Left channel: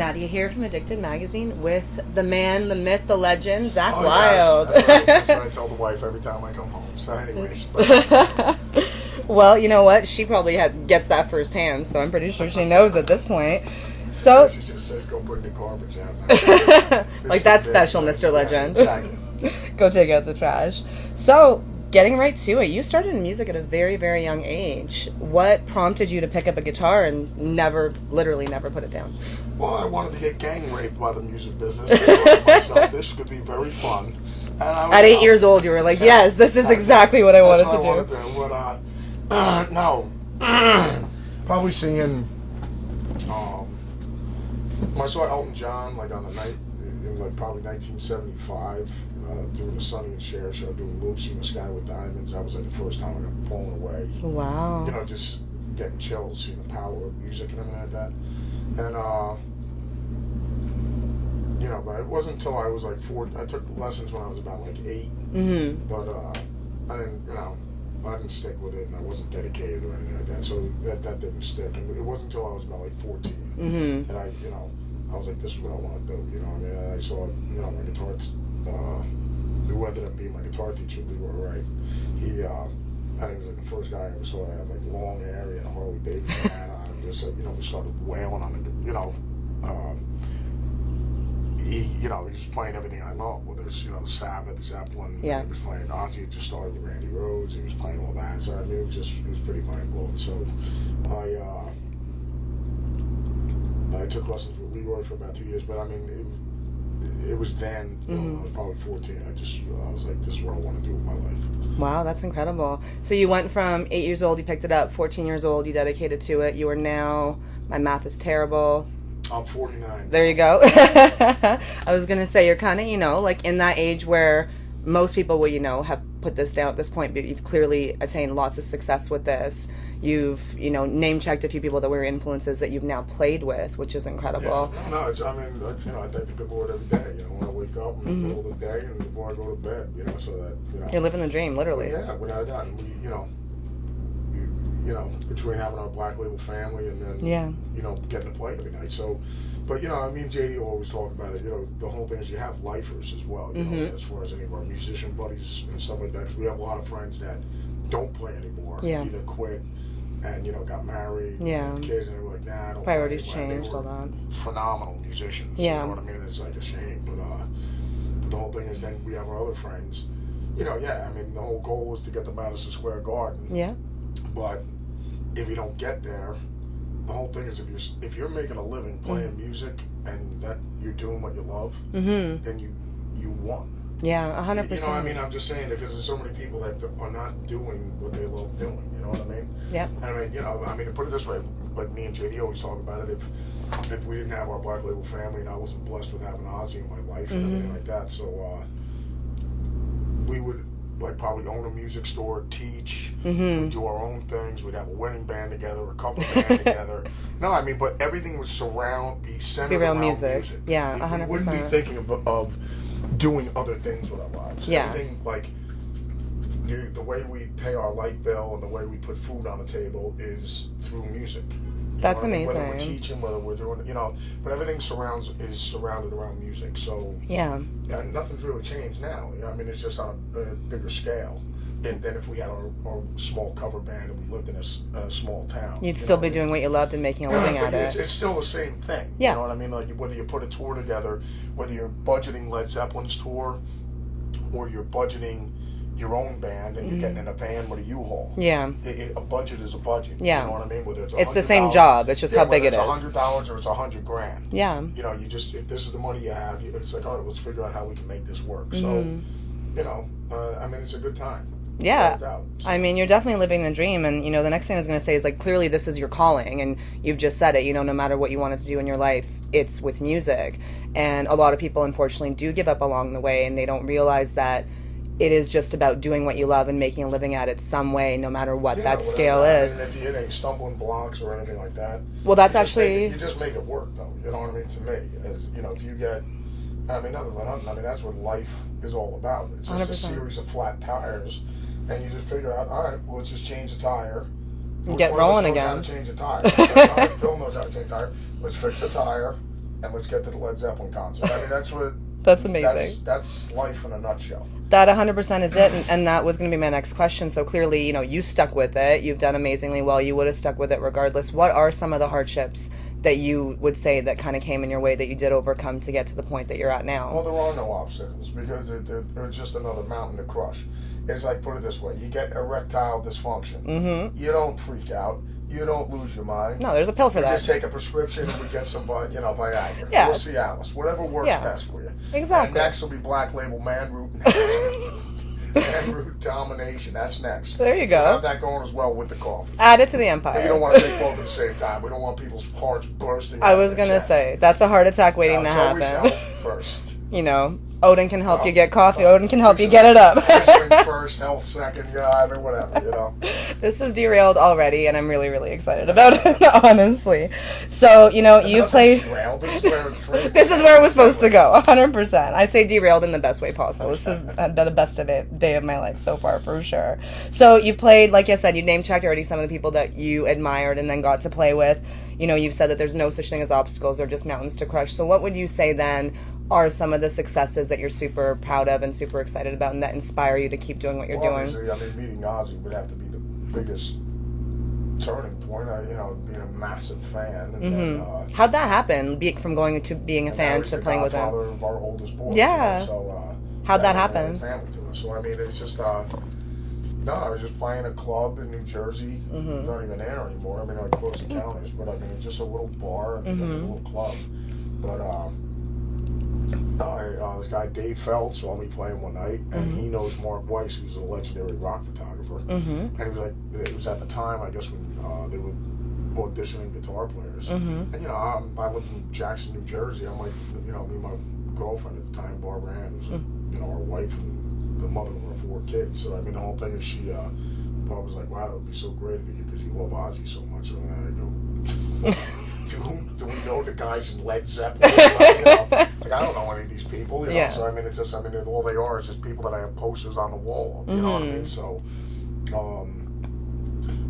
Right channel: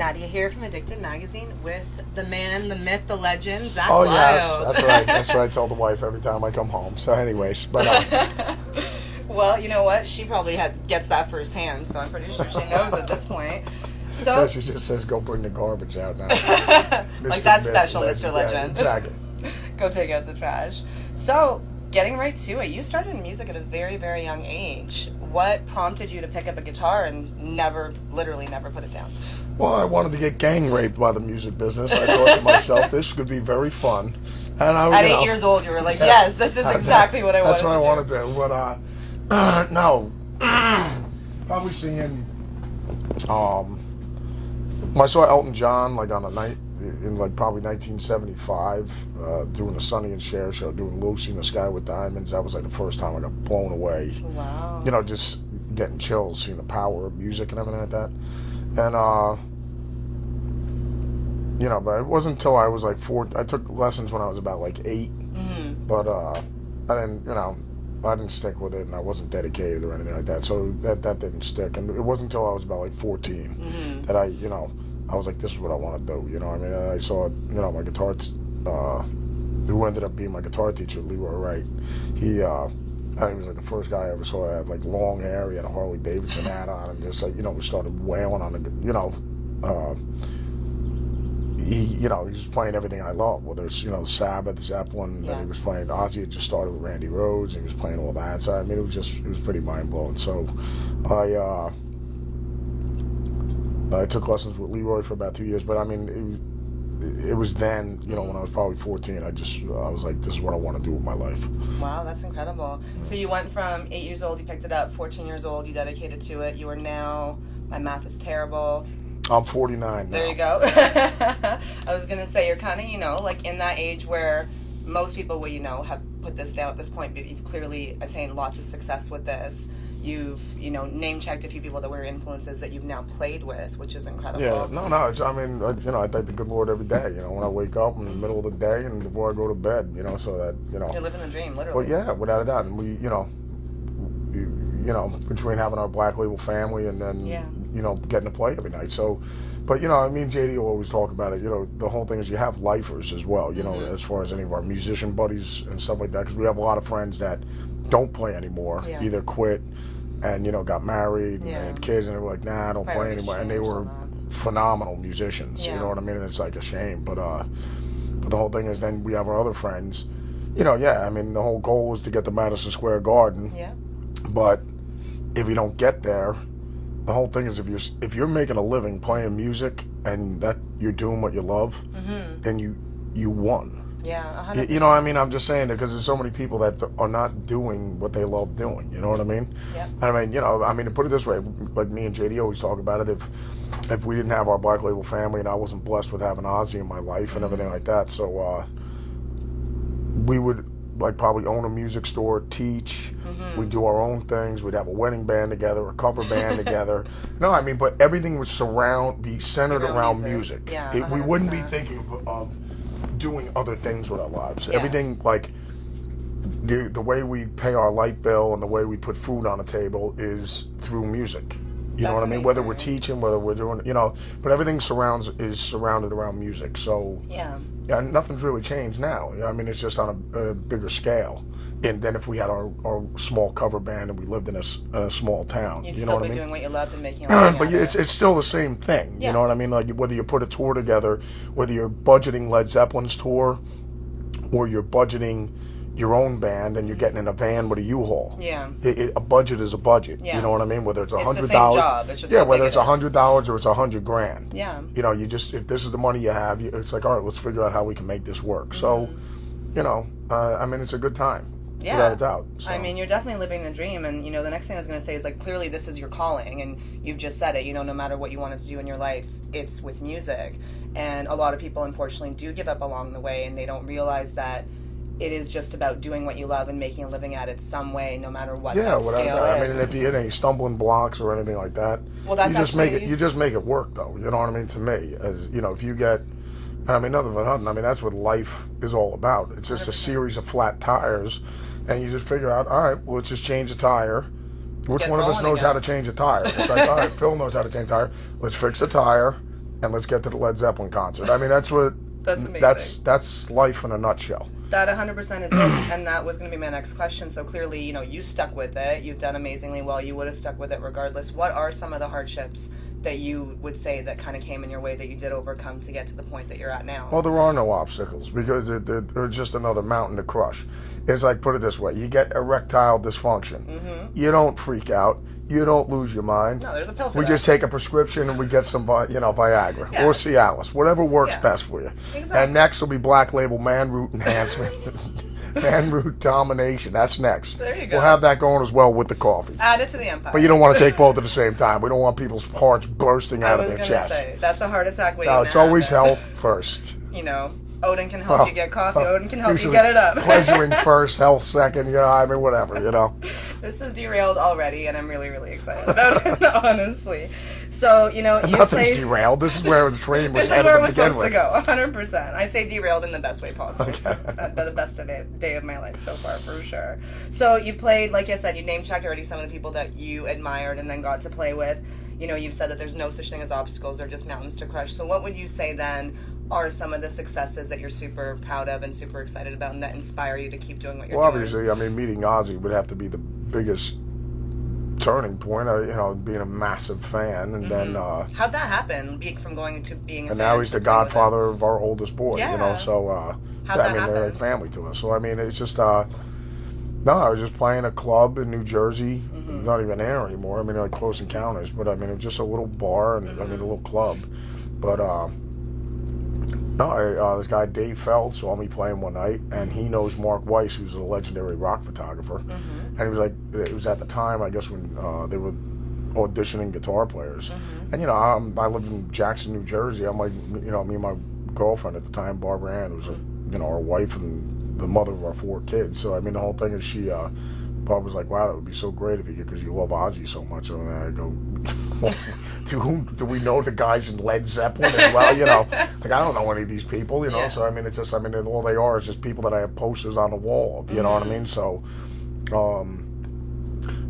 Nadia here from Addicted Magazine with the man, the myth, the legend, Zakk Wylde. Wylde. Yes, that's right. That's what I tell the wife every time I come home. So anyways, but... Well, you know what? She probably gets that firsthand, so I'm pretty sure she knows at this point. So yeah, she just says, go bring the garbage out now. Like that's special, Mr. Legend. Yeah, exactly. Go take out the trash. So, getting right to it, you started in music at a very, very young age. What prompted you to pick up a guitar and literally never put it down? Well, I wanted to get gang raped by the music business. I thought to myself, this could be very fun. And At 8 years old, you were like, yes, this is exactly what I wanted to do. That's what I wanted to do. But, no. Probably singing, I saw Elton John, like, on a night in, like, probably 1975, doing the Sonny and Cher show, doing Lucy in the Sky with Diamonds. That was, like, the first time I got blown away. Wow. You know, just getting chills, seeing the power of music and everything like that. And, you know, but it wasn't until I was like 4. I took lessons when I was about like 8. Mm-hmm. But I didn't, you know, I didn't stick with it, and I wasn't dedicated or anything like that. So that didn't stick. And it wasn't until I was about like 14 that I was like, this is what I want to do. You know what I mean? And I saw, you know, my guitar, who ended up being my guitar teacher, Leroy Wright. He, I think he was like the first guy I ever saw that had like long hair. He had a Harley Davidson hat on, and just like, you know, we started wailing on the, you know, he was playing everything I love, whether it's, you know, Sabbath, Zeppelin, and he was playing, Ozzy had just started with Randy Rhoads, and he was playing all that, so I mean, it was pretty mind-blowing. So I took lessons with Leroy for about 2 years, but I mean, it was then, you know, when I was probably 14, I was like, this is what I want to do with my life. Wow, that's incredible. So you went from 8 years old, you picked it up, 14 years old, you dedicated to it, you are now, my math is terrible, I'm 49 now. There you go. I was going to say, you're kind of, you know, like in that age where most people will, you know, have put this down at this point, but you've clearly attained lots of success with this. You've, you know, name-checked a few people that were influences that you've now played with, which is incredible. Yeah, I mean, you know, I thank the good Lord every day, you know, when I wake up in the middle of the day and before I go to bed, you know, so that, you know. You're living the dream, literally. But yeah, without a doubt. And we, you know, between having our Black Label family and then, you know, getting to play every night. So, but, you know, I mean, JD will always talk about it. You know, the whole thing is you have lifers as well, you know, as far as any of our musician buddies and stuff like that. Because we have a lot of friends that don't play anymore, either quit and, you know, got married and had kids, and they were like, nah, I don't play anymore. And they were phenomenal musicians, you know what I mean? And it's like a shame. But the whole thing is then we have our other friends, you know, I mean, the whole goal is to get to Madison Square Garden. Yeah. But if you don't get there, the whole thing is if you're making a living playing music and that you're doing what you love, then you won. Yeah, 100%. You know what I mean? I'm just saying that because there's so many people that are not doing what they love doing. You know what I mean? Yeah. I mean, you know, to put it this way, like me and JD always talk about it. If we didn't have our Black Label family and I wasn't blessed with having Ozzy in my life and everything like that, so we would like probably own a music store, teach, we'd do our own things, we'd have a wedding band together, a cover band together. No, I mean, but everything would be centered around music. Yeah, we wouldn't be thinking of doing other things with our lives. Everything, like, the way we pay our light bill and the way we put food on the table is through music. You know what I mean? Whether we're teaching, whether we're doing, you know, but everything is surrounded around music. So yeah, nothing's really changed now. I mean, it's just on a bigger scale. And then if we had our small cover band and we lived in a small town, you'd still be doing what you loved and making a living. But it's still the same thing. Yeah. You know what I mean? Like whether you put a tour together, whether you're budgeting Led Zeppelin's tour, or you're budgeting your own band and you're getting in a van with a U-Haul. Yeah. A budget is a budget. Yeah. You know what I mean? Whether it's $100. It's the same job. It's just whether it's $100 or it's $100,000. Yeah. You know, if this is the money you have, it's like, all right, let's figure out how we can make this work. So, you know, I mean, it's a good time. Yeah. Without a doubt. So. I mean, you're definitely living the dream. And, you know, the next thing I was going to say is, like, clearly this is your calling. And you've just said it, you know, no matter what you wanted to do in your life, it's with music. And a lot of people, unfortunately, do give up along the way. And they don't realize that it is just about doing what you love and making a living at it some way, no matter what that scale is. I mean, if you hit any stumbling blocks or anything like that, well, that's you just make it work, though. You know what I mean? To me, as you know, if you get, and I mean, nothing but nothing. I mean, that's what life is all about. It's just 100%. A series of flat tires, and you just figure out, all right, well, let's just change a tire. Which one of us knows how to change a tire? It's like, all right, Phil knows how to change a tire. Let's fix a tire. and let's get to the Led Zeppelin concert. I mean, that's what. That's amazing. That's life in a nutshell. That 100% is it, and that was going to be my next question. So clearly, you stuck with it. You've done amazingly well. You would have stuck with it regardless. What are some of the hardships that you would say that kind of came in your way that you did overcome to get to the point that you're at now? Well, there are no obstacles because they're just another mountain to crush. It's like, put it this way, you get erectile dysfunction. Mm-hmm. You don't freak out. You don't lose your mind. No, there's a pill for that. We just take a prescription and we get some, Viagra or Cialis, whatever works best for you. Exactly. And next will be Black Label Man Root Enhancement. Man Root Domination. That's next. There you go. We'll have that going as well with the coffee. Add it to the empire. But you don't want to take both at the same time. We don't want people's hearts bursting out of their chest. I was going to say, that's a heart attack waiting to happen. It's always health first. Odin can help you get coffee. Odin can help you get it up. Pleasuring first, health second, whatever. This is derailed already, and I'm really, really excited about it, honestly. So, you played... derailed. This is where the train was This is where it was supposed to go, 100%. I say derailed in the best way possible. This is the best day of my life so far, for sure. So, you've played, like I said, you name-checked already some of the people that you admired and then got to play with. You've said that there's no such thing as obstacles or just mountains to crush. So what would you say then are some of the successes that you're super proud of and super excited about and that inspire you to keep doing what you're doing? Obviously, meeting Ozzy would have to be the biggest turning point, being a massive fan. And then... How'd that happen, from going to being a fan? And now he's the godfather of our oldest boy, so... How'd that happen? Family to us. So, it's just... No, I was just playing a club in New Jersey. Not even there anymore. Like Close Encounters, but it was just a little bar and a little club. But this guy Dave Feld saw me playing one night, and he knows Mark Weiss, who's a legendary rock photographer. And he was like, it was at the time, I guess, when they were auditioning guitar players. And I live in Jackson, New Jersey. I'm like, me and my girlfriend at the time, Barbara Ann, who's our wife and the mother of our 4 kids. So the whole thing is Bob was like, wow, that would be so great if you could, because you love Ozzy so much. And then I go, do we know the guys in Led Zeppelin as well? I don't know any of these people, So it's just, all they are is just people that I have posters on the wall. You know what I mean? So,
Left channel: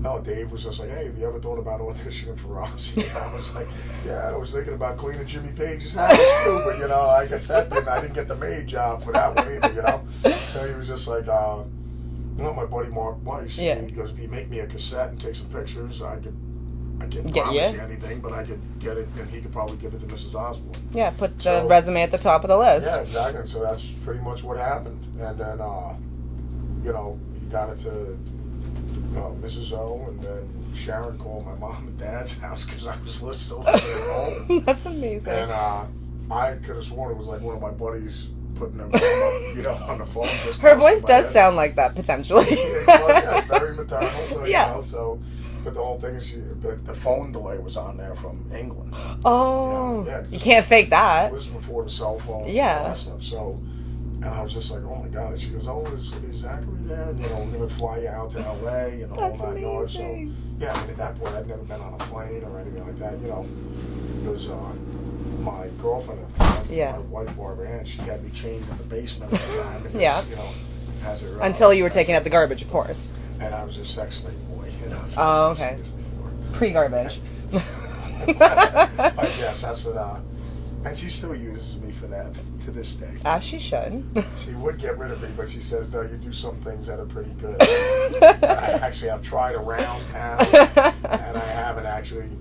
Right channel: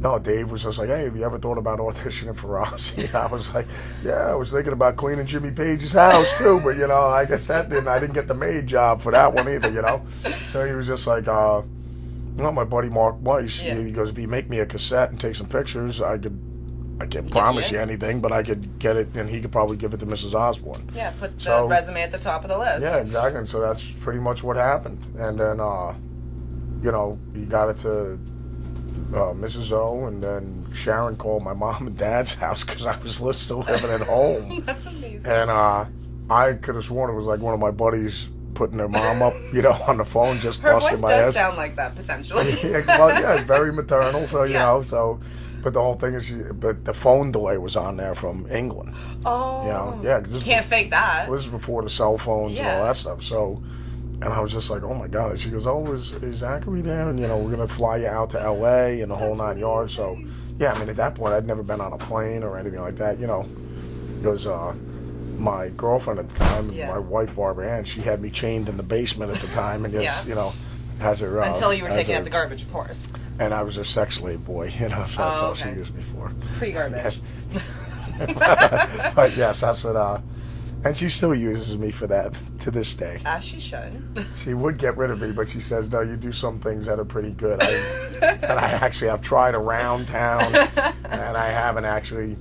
no, Dave was just like, hey, have you ever thought about auditioning for Ozzy? I was like, yeah, I was thinking about cleaning Jimmy Page's house too, but I guess I didn't get the maid job for that one either, So he was just like, my buddy Mark Weiss, he goes, if you make me a cassette and take some pictures, I can't promise you anything, but I could get it, and he could probably give it to Mrs. Osborne. Yeah, put the resume at the top of the list. Yeah, exactly. And so that's pretty much what happened. And then, he got it to Mrs. O, and then Sharon called my mom and dad's house because I was still living at home. That's amazing. And I could have sworn it was like one of my buddies putting their mom up, on the phone, just her voice does sound like that potentially. It's very maternal. So but the whole thing is, but the phone delay was on there from England. Oh, you can't fake that. This was before the cell phones and all that stuff. So, and I was just like, oh my god. And she goes, oh, is Zachary there? And we're gonna fly you out to L.A. and the whole 9 yards. So, at that point, I'd never been on a plane or anything like that. It was my girlfriend at the time, my wife Barbara Ann, she had me chained in the basement at the time, and has her until you were taking out the garbage, of course. And I was a sex slave boy, so that's how she used me for. Pre-garbage. But yes, that's what. And she still uses me for that to this day. As she should. She would get rid of me, but she says, no, you do some things that are pretty good. And I actually have tried around town, and I haven't actually.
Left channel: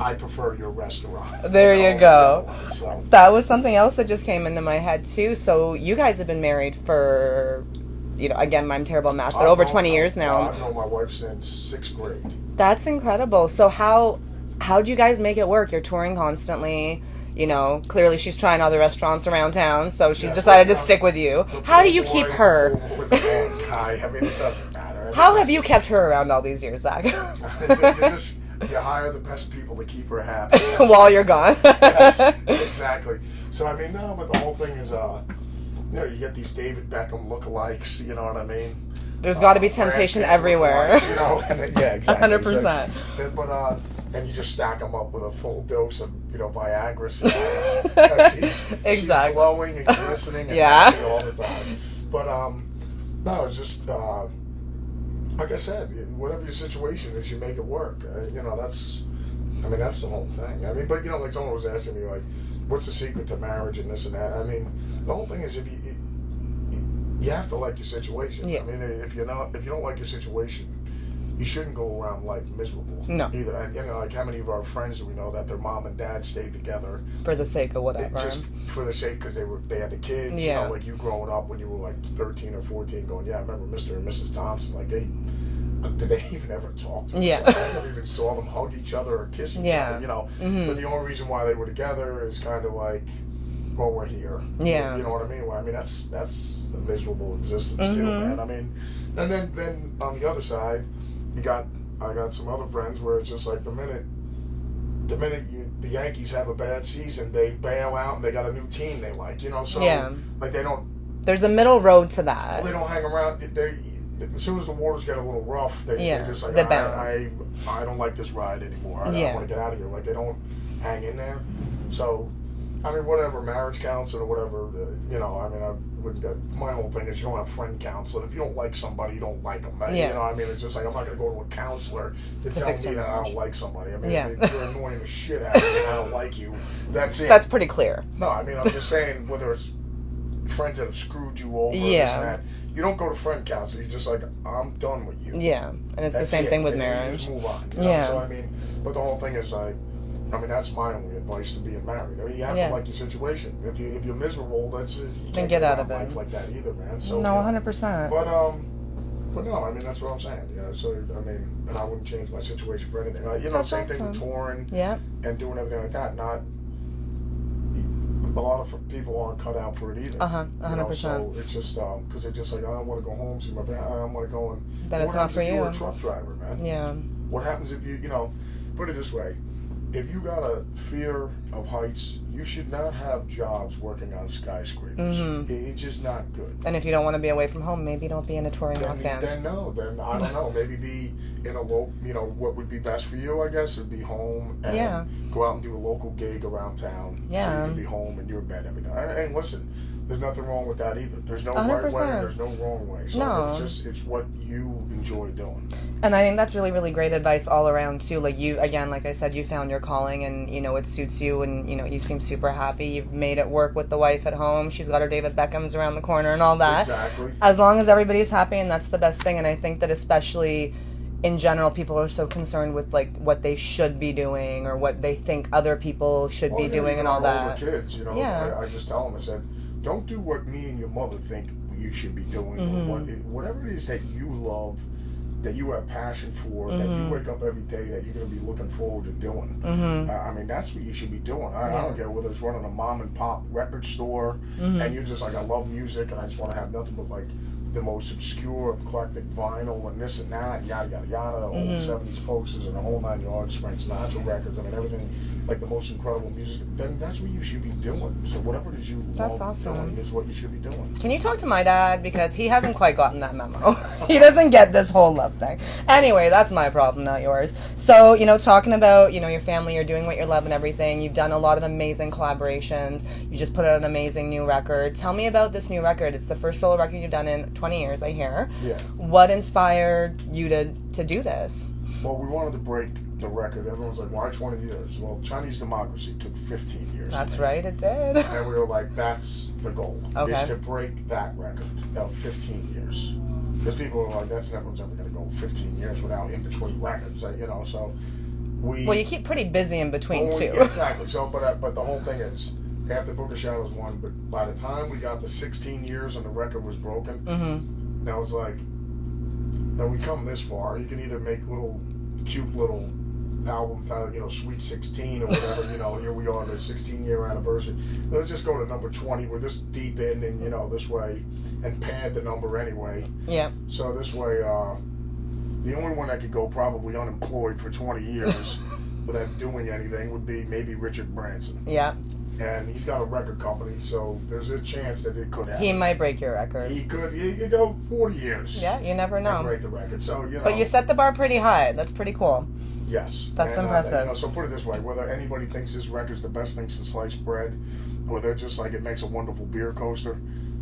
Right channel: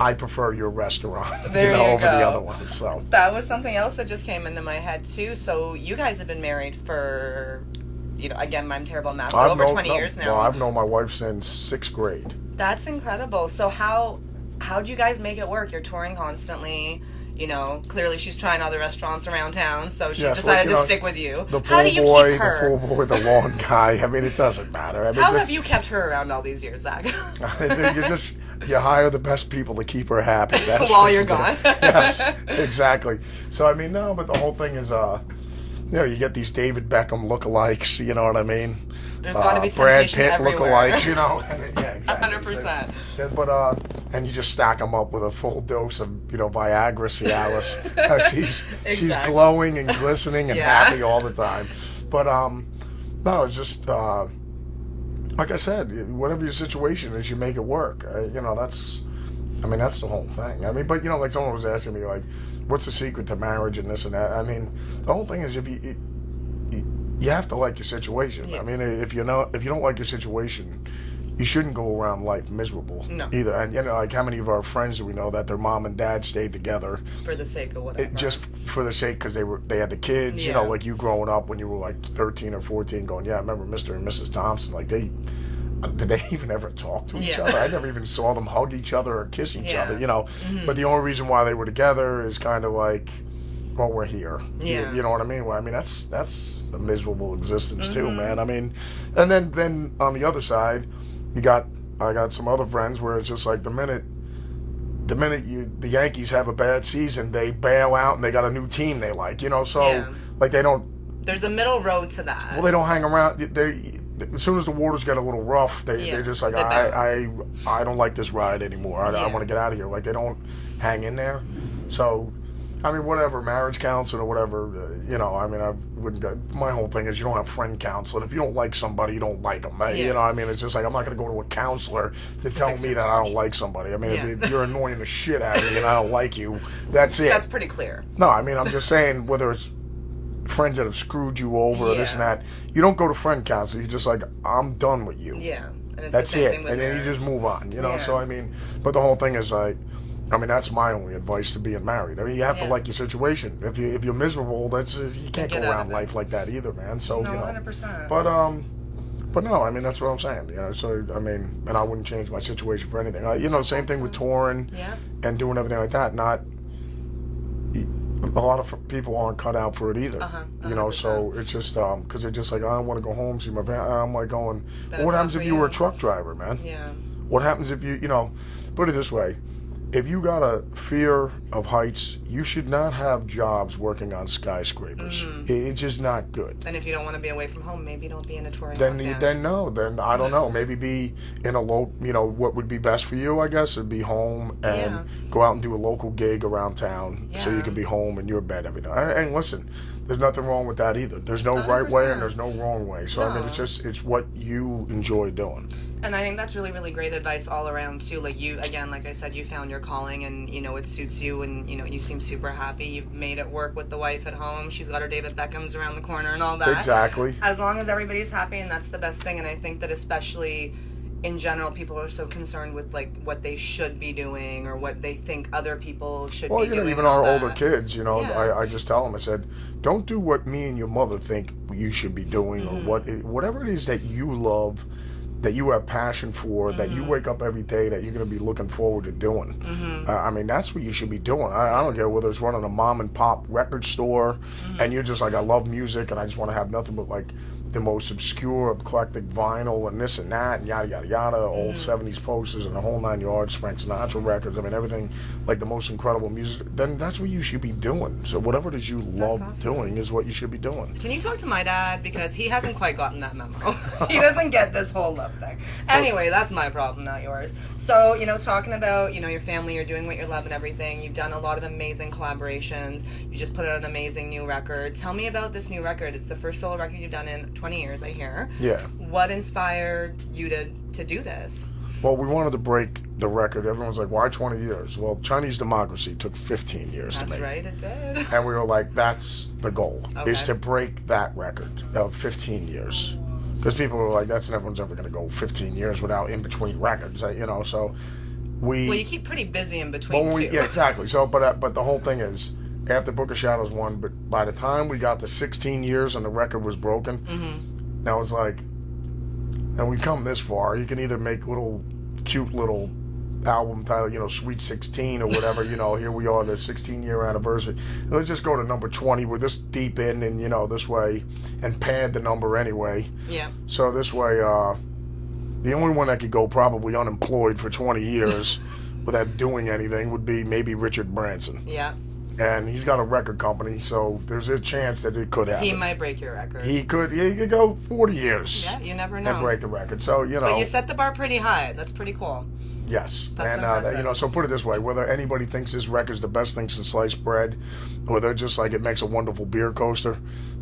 I prefer your restaurant. There you over go. The other one, so. That was something else that just came into my head too. So you guys have been married for, again, I'm terrible at math, but over 20 years now. Well, I've known my wife since 6th grade. That's incredible. So how do you guys make it work? You're touring constantly. Clearly she's trying other restaurants around town, so she's decided to stick with you. How do you keep her? The pool boy, the lawn guy. It doesn't matter. How have you kept her around all these years, Zach? You hire the best people to keep her happy. While you're gone. Yes, exactly. So, no, but the whole thing is, you get these David Beckham lookalikes, you know what I mean? There's got to be temptation everywhere. Yeah, exactly. 100%. But, and you just stack them up with a full dose of, Viagra, Cialis. She's glowing and glistening and happy all the time. But, no, it's just, like I said, whatever your situation is, you make it work. I mean, that's the whole thing. I mean, but like someone was asking me, like, what's the secret to marriage and this and that? I mean, the whole thing is you have to like your situation. Yeah. I mean, if you don't like your situation, you shouldn't go around life miserable. No. Either. And like how many of our friends do we know that their mom and dad stayed together for the sake of whatever? Just for the sake because they had the kids. Yeah. Like you growing up when you were like 13 or 14, going, yeah, I remember Mr. and Mrs. Thompson. Like did they even ever talk to each other? I never even saw them hug each other or kiss each other. Mm-hmm. But the only reason why they were together is kind of like, well, we're here. Yeah. You know what I mean? Well, I mean that's a miserable existence too, Mm-hmm. man. I mean, and then on the other side, I got some other friends where it's just like the minute the Yankees have a bad season, they bail out and they got a new team they like. So like they don't. There's a middle road to that. Well, they don't hang around. As soon as the waters get a little rough, they're just like, I don't like this ride anymore. I want to get out of here. Like they don't hang in there. So, I mean, whatever, marriage counseling or whatever, I mean, I wouldn't go. My whole thing is you don't have friend counseling. If you don't like somebody, you don't like them. You know what I mean? It's just like, I'm not going to go to a counselor to tell me that I don't like somebody. I mean, if you're annoying the shit out of me and I don't like you, that's it. That's pretty clear. No, I mean, I'm just saying, whether it's friends that have screwed you over, this and that, you don't go to friend counseling. You're just like, I'm done with you. Yeah, and it's that's the same it. thing with and marriage. You just move on, So, I mean, but the whole thing is like, I mean, that's my only advice to being married. I mean, you have to like your situation. If you're miserable, you can't go around life like that either, man. So no, 100%. But no, I mean that's what I'm saying. So I mean, and I wouldn't change my situation for anything. Same thing with touring and doing everything like that. Not a lot of people aren't cut out for it either. 100%. So it's just because they're just like, I want to go home, see my family. I'm like going. What happens if you were a truck driver, man? Yeah. What happens if you put it this way? If you got a fear of heights, you should not have jobs working on skyscrapers. Mm-hmm. It's just not good. And if you don't want to be away from home, maybe don't be in a touring rock band. Then I don't know. Maybe be in a what would be best for you, I guess, would be home and go out and do a local gig around town so you can be home in your bed every night. And listen, there's nothing wrong with that either. There's no 100%. Right way and there's no wrong way. So I mean, it's what you enjoy doing. And I think that's really, really great advice all around too. Like you, again, like I said, you found your calling and, it suits you and, you seem super happy. You've made it work with the wife at home. She's got her David Beckham's around the corner and all that. Exactly. As long as everybody's happy, and that's the best thing. And I think that especially in general, people are so concerned with like what they should be doing or what they think other people should be doing even and all our that. older kids, I just tell them, I said, don't do what me and your mother think you should be doing or whatever it is that you love, that you have passion for, that you wake up every day that you're going to be looking forward to doing. I mean, that's what you should be doing. I don't care whether it's running a mom and pop record store and you're just like, I love music and I just want to have nothing but like the most obscure, eclectic vinyl and this and that, yada, yada, yada, old 70s posters and the whole 9 yards, Frank Sinatra records, I mean, everything, like the most incredible music, then that's what you should be doing. So whatever it is you love doing is what you should be doing. Can you talk to my dad? Because he hasn't quite gotten that memo. He doesn't get this whole love thing. Anyway, that's my problem, not yours. So, talking about, your family, you're doing what you love and everything. You've done a lot of amazing collaborations. You just put out an amazing new record. Tell me about this new record. It's the first solo record you've done in 20 years, I hear. Yeah. What inspired you to do this? Well, we wanted to break the record. Everyone's like, why 20 years? Well, Chinese democracy took 15 years That's to make. right, it did. And we were like, that's the goal, is to break that record of 15 years. Because people were like, no one's ever going to go 15 years without in-between records, so we... Well, you keep pretty busy in between, too. Yeah, exactly. So, but the whole thing is, after Book of Shadows won, but by the time we got to 16 years and the record was broken, I was like, and we come this far, you can either make cute little album title, Sweet 16 or whatever, here we are, the 16-year anniversary. Let's just go to number 20. We're this deep in and, this way, and pad the number anyway. Yeah. So this way, the only one that could go probably unemployed for 20 years without doing anything would be maybe Richard Branson. Yeah. And he's got a record company, so there's a chance that it could happen. He might break your record. He could go 40 years. Yeah, you never know. And break the record. So, But you set the bar pretty high. That's pretty cool. Yes. That's impressive. So put it this way, whether anybody thinks this record's the best thing since sliced bread, or they're just like it makes a wonderful beer coaster,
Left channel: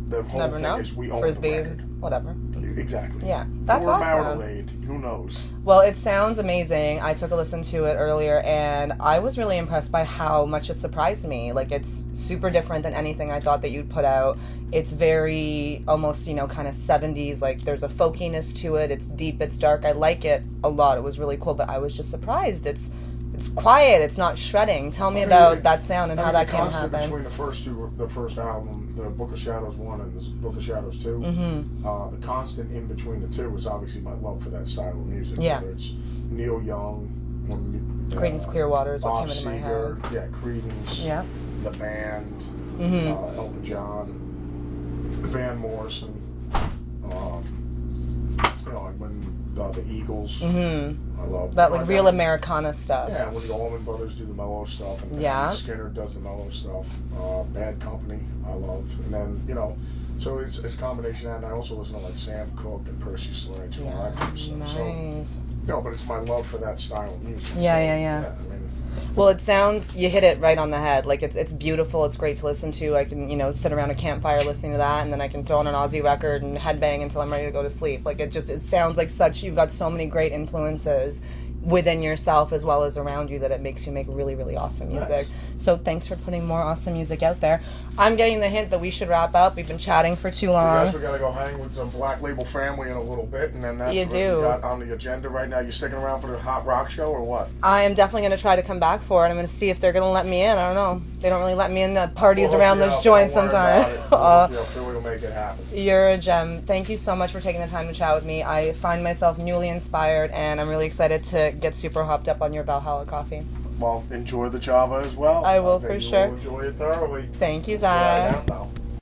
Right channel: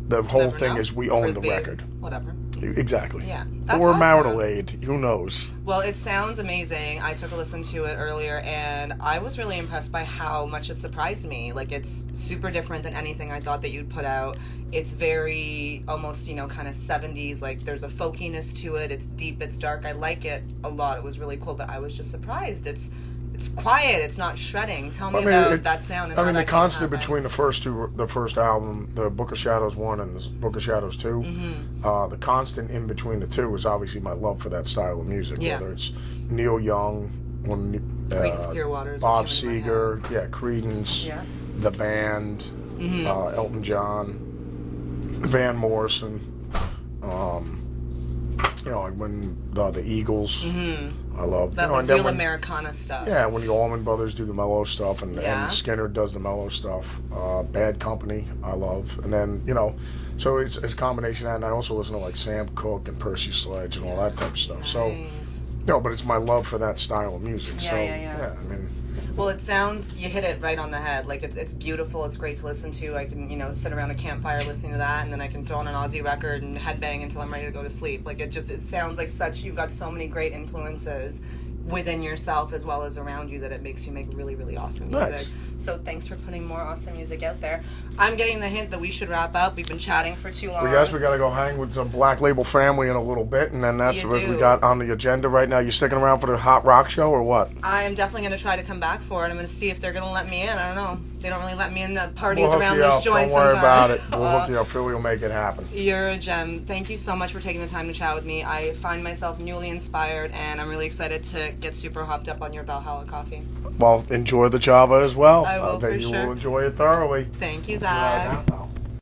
the whole thing is we own Frisbee, the record. Whatever. Exactly. Yeah. That's or awesome. marital aid. Who knows? Well, it sounds amazing. I took a listen to it earlier, and I was really impressed by how much it surprised me. Like, it's super different than anything I thought that you'd put out. It's very almost, kind of 70s. Like, there's a folkiness to it. It's deep. It's dark. I like it a lot. It was really cool, but I was just surprised. It's quiet. It's not shredding. Tell me about that sound and how that came to happen. The constant between the first album, the Book of Shadows 1 and the Book of Shadows 2, the constant in between the two is obviously my love for that style of music. Yeah. Whether it's Neil Young, Creedence Clearwater is Bob what came into my Seger, head. Creedence, the band, Elton John, Van Morrison, like when the Eagles. I love that real Americana stuff. Yeah, when the Allman Brothers do the mellow stuff, and Skinner does the mellow stuff. Bad Company, I love, and then so it's a combination of that. And I also listen to like Sam Cooke and Percy Sledge and all that type of stuff. Nice. So, but it's my love for that style of music. Yeah. I mean. Well, it sounds, you hit it right on the head. Like, it's beautiful. It's great to listen to. I can, sit around a campfire listening to that, and then I can throw on an Aussie record and headbang until I'm ready to go to sleep. Like, it sounds like you've got so many great influences within yourself as well as around you that it makes you make really, really awesome music. Nice. So thanks for putting more awesome music out there. I'm getting the hint that we should wrap up. We've been chatting for too long. We got to go hang with some Black Label family in a little bit, and then that's what we got on the agenda right now. You sticking around for the Hot Rock show or what? I am definitely going to try to come back for it. I'm going to see if they're going to let me in. I don't know. They don't really let me in parties around those joints sometimes. Philly will make it happen. You're a gem. Thank you so much for taking the time to chat with me. I find myself newly inspired, and I'm really excited to get super hopped up on your Valhalla coffee. Well, enjoy the Java as well. I will for sure. You will enjoy it thoroughly. Thank you, Zakk.